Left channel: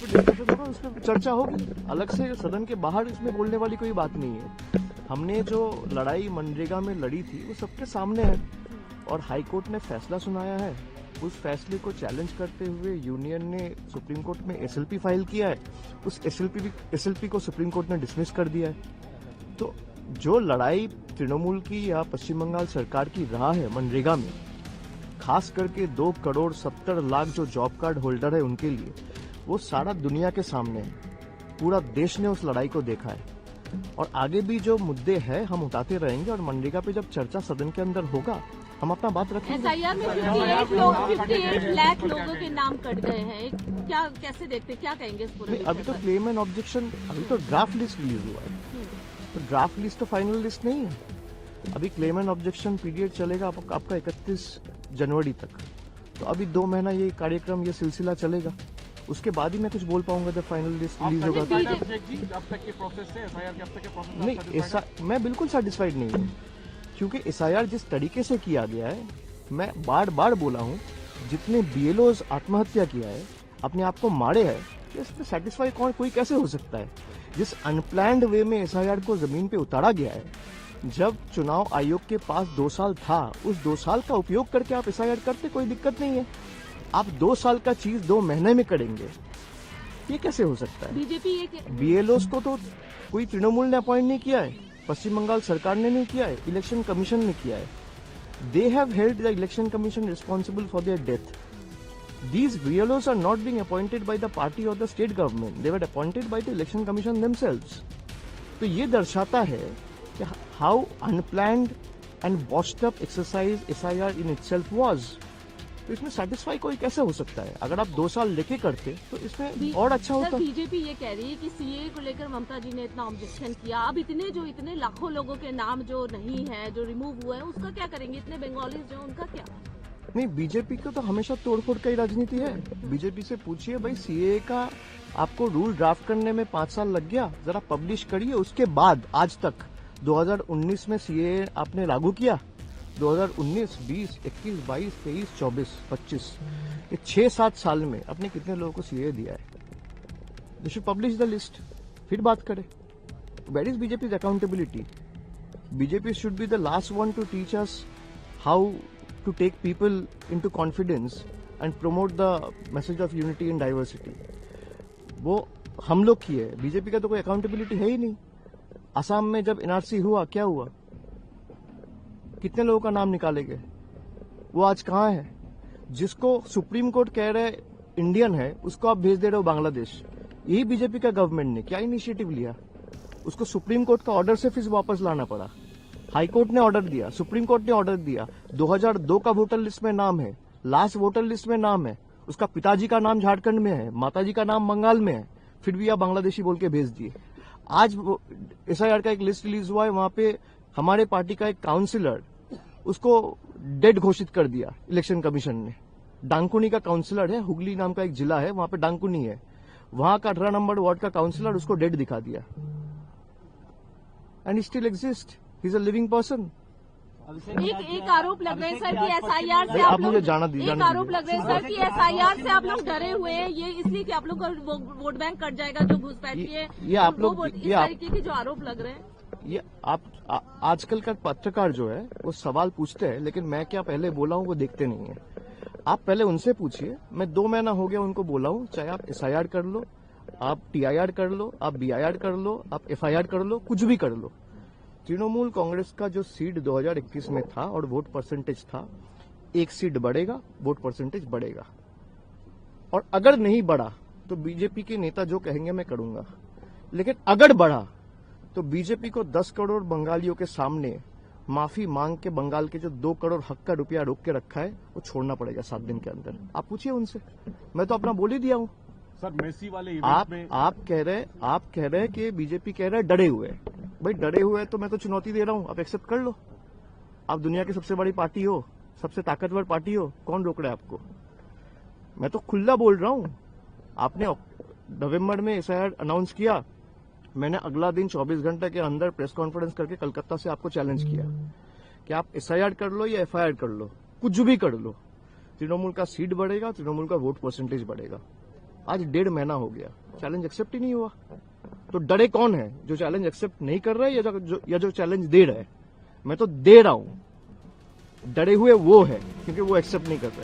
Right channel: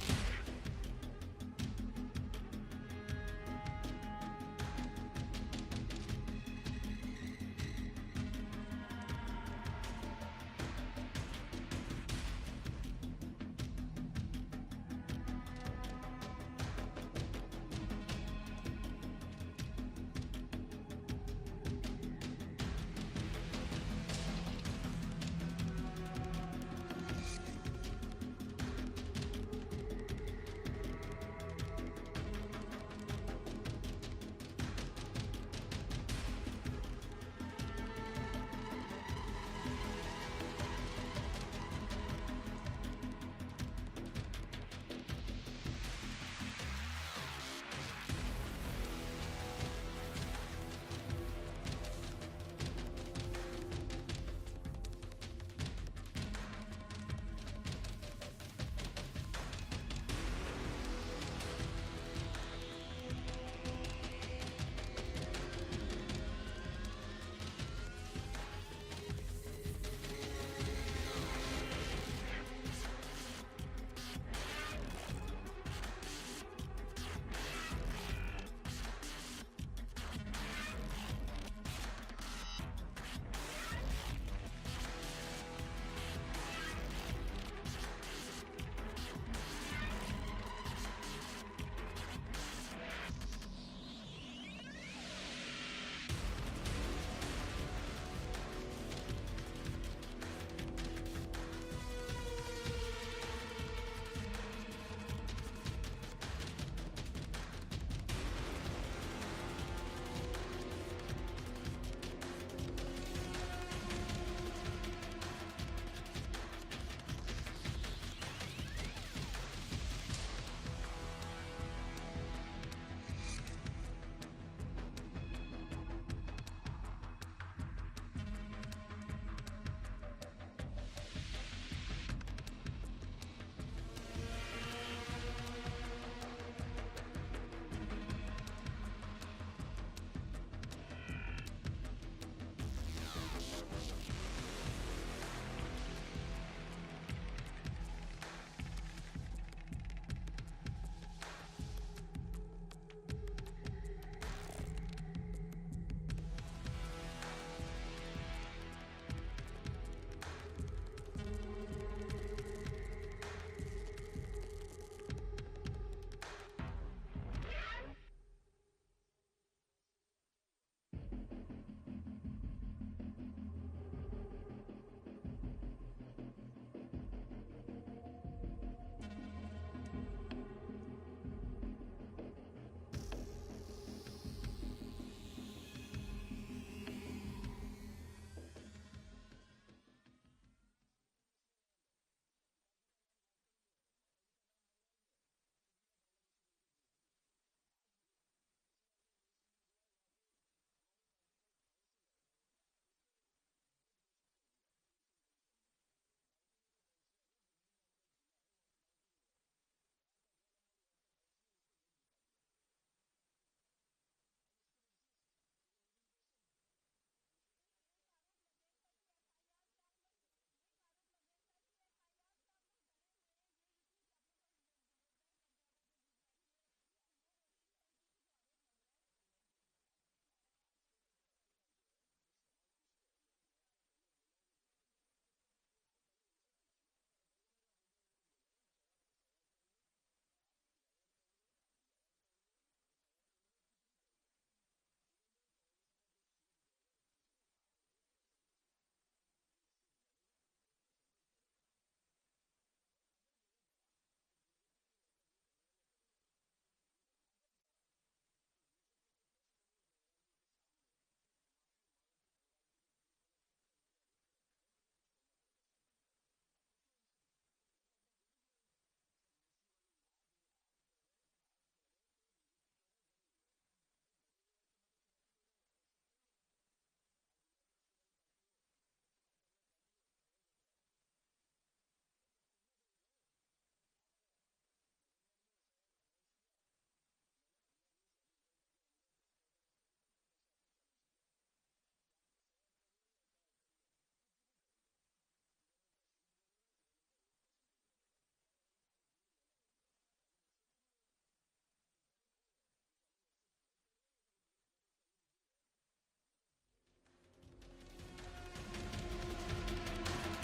उसमें चर्चा होगी अलग से, सदन के बाहर इसमें बोलने वाली कोई बात नहीं है। हमने जो लड़ाई मनरेगा में लड़ी थी वो सबके सामने है और हाई कोर्ट ने फैसला सुनाया है। उस फैसले को चैलेंज करते हुए यूनियन ने सुप्रीम कोर्ट में एसएलपी फाइल किया है। उस एसएलपी को सुप्रीम कोर्ट ने डिसमिस कर दिया है। तो जो लड़ाई तृणमूल की या पश्चिम बंगाल सरकार की रहा है मनरेगा में, खास करके 2,70,00,000 जो जॉब कार्ड होल्डर है उनके लिए, वो सारा दुनिया के सामने है। पूरा देश ने उस लड़ाई को देखा है और आगे भी जो मुद्दे हैं हम उठाते रहेंगे और मनरेगा पे जब चर्चा सदन के अंदर होगा हम अपना बात रखेंगे। एसआईआर में 58 लाख लोगों के नाम कट गए हैं, क्या कैसे देखते, क्या कहेंगे इस पूरे? अभी तो क्लेम एंड ऑब्जेक्शन, अभी तो ड्राफ्ट लिस्ट रिलीज हुआ है, तो ड्राफ्ट लिस्ट तो फाइनल लिस्ट नहीं है। अभी क्लेम एंड ऑब्जेक्शन पीरियड चलेगा आपका 31 जनवरी तक। तो अभी 2 महीना ये कार्यक्रम, ये सिलसिला चलेगा। उसके बाद ही मैं कुछ बोल पाऊंगा जब फाइनल लिस्ट रिलीज होगा। नहीं, ऐसा मैं बिल्कुल सेटिस्फाइड नहीं हूँ, क्योंकि एसआईआर जिस तरीके से किया गया है, मैं बार बार बोला हूँ, जितने बीएलओज आत्महत्या किया है, अपने आप को मारे हैं, तो इससे सेटिस्फाई कोई कैसे हो सकता है? जिस अनप्लैंड वे में एसआईआर को जमीन पे उतारा गया है, जब चुनाव आयोग के पास 2 साल था, उस 2 साल का उपयोग करके आप एसआईआर करते, कोई दिक्कत नहीं है। आप 2 साल का चीज 2 महीने में करेंगे, ये कैसे हो सकता है? बीजेपी बीएलओज को तो कोई तृणमूल ने अपॉइंट नहीं किया है, पश्चिम बंगाल सरकार ने नहीं किया है, इलेक्शन कमीशन ने किया है। They have held the election commission responsible for their death. These BLOs are not being appointed by the party or the state government. They were appointed by the election commission themselves. तो ये दर्शाता है कि how unplanned and washed up exercise SIR in itself was. तो इसमें satisfy कोई कैसे हो सकता है? अगर आप 2 साल लेके करते तो इसमें और अच्छा होता। बीजेपी ये कह रही है कि सीए को लेकर ममता जी ने इतना ऑब्जेक्शन किया, अब इतने लाखों लोगों के नाम जो नहीं है, जो रिमूव हुए हैं, उसका क्या करेंगे? इतने बंगाली जो, उनका क्या? नहीं, बीजेपी को तो हमेशा तोड़फोड़ का ही राजनीति है। बीजेपी से पूछिए भाई, सीए का आपको रूल ड्राफ्ट करने में 5 साल लग गया, जरा पब्लिश करिए। उसके बाद आज तक 2019 में सीए आपने लागू किया, 2019, 20, 21, 22, 23, 24, 25, ये 6-7 साल में अपने कितने लोगों को सीए दिया है? They should publish the list, फिर बात करें। Where is BJP accountability? BJP should be the last one to teach us how to take people into confidence and promote the message of unity and diversity. वो हम लोग की है, BJP का तो कोई अकाउंटेबिलिटी है ही नहीं। असम में जब एनआरसी हुआ, क्या हुआ? कितने लोगों का नाम निकाले गए? वो आज कहाँ है? जिसको सुप्रीम कोर्ट कह रहे इंडियन है, उसको आप भेज दे रहे हो बांग्लादेश। यही बीजेपी का गवर्नमेंट ने क्या इनिशिएटिव लिया? उसको सुप्रीम कोर्ट का ऑर्डर से फिर वापस लाना पड़ा। हाई कोर्ट ने ऑर्डर दिया, सुप्रीम कोर्ट ने ऑर्डर दिया, 2002 का वोटर लिस्ट में नाम है, लास्ट वोटर लिस्ट में नाम है, उसका पिताजी का नाम झारखंड में है, माताजी का नाम बंगाल में है, फिर भी आप बांग्लादेशी बोल के भेज दिए। आज एसआईआर का एक लिस्ट रिलीज हुआ है, वहां पे हमारे पार्टी का एक काउंसिलर, उसको डेड घोषित कर दिया इलेक्शन कमीशन ने। डांकुनी का काउंसिलर है, हुगली नाम का एक जिला है, वहां पे डांकुनी है, वहां का 18 नंबर वार्ड का काउंसिलर, उसको डेड दिखा दिया। And still exist, he is a living person. एक आरोप लग रहा है सर कि एसआईआर से आप मुझे जाना दीजिए। एक आरोप लग रहा है सर कि एसआईआर से आप लोग डरे हुए हैं, ये इसलिए कि आप लोग का वोट बैंक कट जाएगा जो घुसपैठ है। ये आप लोग, इस तरीके के जो आरोप लग रहे हैं, ये आप आजकल का पत्रकार जो है वो सवाल पूछते हैं, लेकिन मैं क्या पहले बोला हूँ वो देखते नहीं है। आप पहले उनसे पूछिए। मैं 2 महीना हो गया उनको बोला हूँ, चाहे आप एसआईआर कर लो, आप टीआईआर कर लो, आप बीआईआर कर लो, आप एफआईआर कर लो, कुछ भी कर लो। तृणमूल कांग्रेस का जो सीट 2021 में था और वोट परसेंटेज था, 1 सीट बढ़ेगा, वोट परसेंटेज बढ़ेगा। और अगर नहीं बढ़ा तो बीजेपी के नेता जो कहेंगे मैं करूंगा, लेकिन अगर बढ़ा तो बीजेपी को 10 करोड़ बंगालियों के सामने माफी मांग के बंगाल के जो 2 करोड़ हक का रुपया रोक के रखा है वो छोड़ना पड़ेगा 7 दिन के अंदर। आप पूछिए उनसे, मैं तो अपना बोल ही दिया हूं। सर, मेसी वाले आप कह रहे हैं कि बीजेपी कह रहे हैं डरे हुए। भाई डरे हुए तो मैं तो चुनौती दे रहा हूं, आप एक्सेप्ट कर लो। आप दुनिया की सबसे बड़ी पार्टी हो, सबसे ताकतवर पार्टी हो, कौन रोक रहा है आपको? मैं तो खुला बोल रहा हूं। आपने नवंबर में एसआईआर अनाउंस किया, मैंने अगला दिन 24 घंटे के अंदर प्रेस कॉन्फ्रेंस करके कलकत्ता से आपको चैलेंज किया कि आप एसआईआर कर लो या एफआईआर कर लो, कुछ भी कर लो, तृणमूल का सीट बढ़ेगा, तृणमूल का वोट परसेंटेज बढ़ेगा। आज 1.5 महीना हो गया, चैलेंज एक्सेप्ट ही नहीं हुआ। तो डरे कौन है, जो चैलेंज एक्सेप्ट नहीं कर रहा है या जो चैलेंज दे रहा है? मैं तो दे रहा हूं, डरे हुए वो है क्योंकि वो एक्सेप्ट नहीं कर रहे।